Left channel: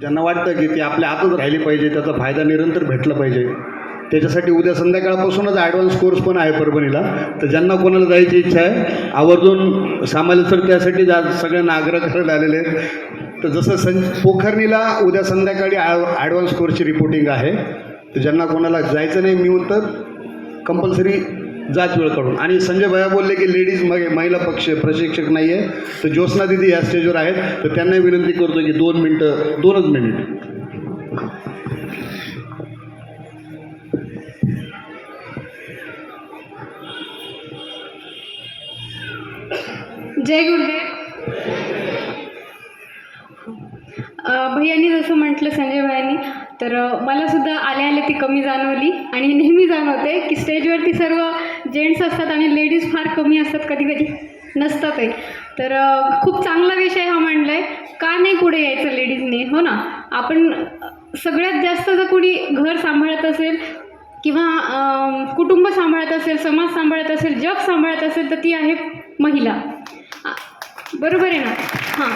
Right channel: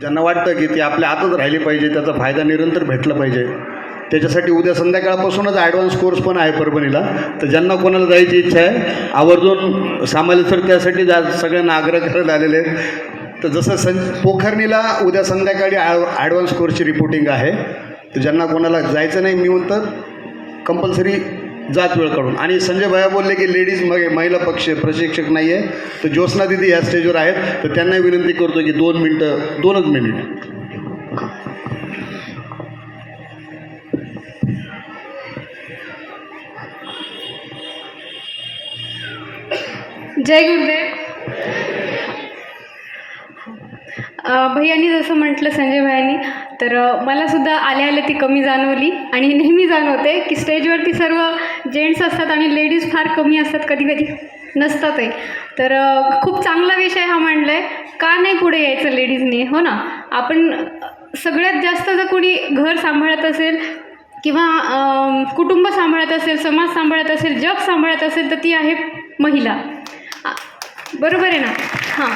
ज्यांना वाटतं की ती आपल्या हातात राहिली पाहिजे त्याचा फायदा निरंतर भेटला पाहिजे. त्याच्यासाठी उद्या संध्याकाळपासूनच ॲडव्हान्स कोर्स पण आहे परभणीला. तर ज्यांना कोणाला जायची इच्छा आहे आवर्जून सामान्य सर त्यासाठी जा सगळ्यांना आग्रह करत आलेले आहेत. तर जसं सं पोखरणीला उद्या संध्याकाळी ॲडव्हान्स कोर्सची रिपोर्टिंग आहे. तर ज्यांना कोणाला जायचं नाही मी म्हणतं कंपल्सरी जात वेळ काढून आणि संजय भैया बोलले की लेडीज मग महिला पक्ष प्रशिक्षक नाही आहे तर ज्योत्स्ना दिदी या स्टेजवर आहेत. तर त्यांनाही विनंती करतो की दोन मिनटं दोनच मिनिट जय गुरुदेव. भैयानी जसं म्हटलं संजय भैयांनी तर मलासुद्धा मला सुद्धा आल्या आल्या ती कमी जाणवली आणि नेहमी जाणवते की स्टेजवरती सर्व जेंट्स असतात आणि लेडीज फार कमी असतात कधी कधी नसतातही तर खूप चांगला विषय हा मांडला आहे का नाही पुढे यायचं लेडीजने हो ना? आपण सगळ्यात जास्त जर कोणी घर सांभाळत असेल किंवा कुटुंब सांभाळत असेल समाज सांभाळत असेल जग सांभाळत असेल तर ती आहे महिला. बरोबर आहे ना? हां.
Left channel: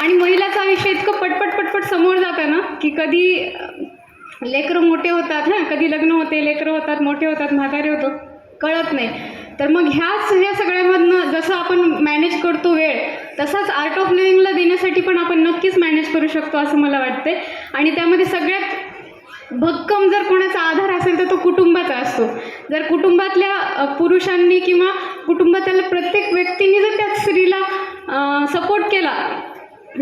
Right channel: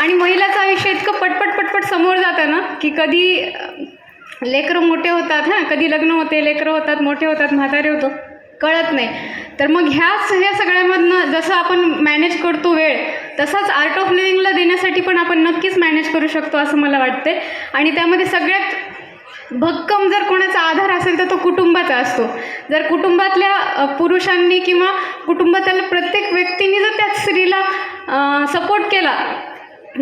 आणि महिलाचं आयुष्य इतकं पटपट पटपट समोर जातं ना की कधी लेकरं मोठे होतात हां कधी लग्न होते लेकरं होतात मोठे होतात म्हातारे होतो कळत नाही. तर मग ह्याच ह्या सगळ्यामधनं जसं आपण मॅनेज करतो वेळ तसाच आर्ट ऑफ लिव्हिंगला देण्यासाठी पण आपण नक्कीच मॅनेज करू शकतो असं मला वाटते आणि त्यामध्ये सगळ्यात भक्कम जर कोणाचा आधार असेल तर तो कुटुंबाचा असतो. जर कुटुंबातल्या पुरुषांनी किंवा कुटुंबातल्या प्रत्येक व्यक्तीने जर त्या स्त्रीला सपोर्ट केला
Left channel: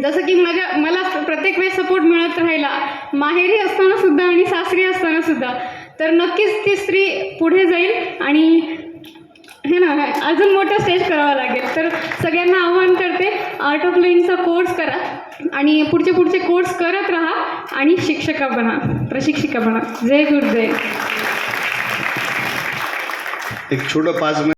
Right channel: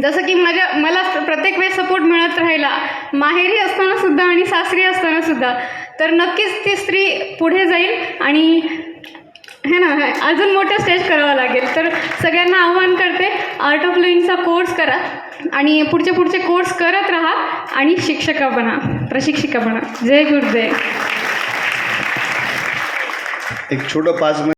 जसं की माझ्या मला प्रत्येक वेळेस सपोर्ट मिळत राहिला माहेरी असताना सुद्धा आणि सासरी असताना सुद्धा. तर नक्कीच ती स्त्री पुढे जाईल आणि हे ना अजून मोठं स्टेज करावं लागेल. तर सगळ्यांना आव्हान करते आर्ट ऑफ लिव्हिंगचा कोर्स करा आणि पुढचे पुढचे कोर्स करत राहा आणि शिक्षका बना प्रशिक्षिका बना. जय गुरुदेव. एक छोटं पाच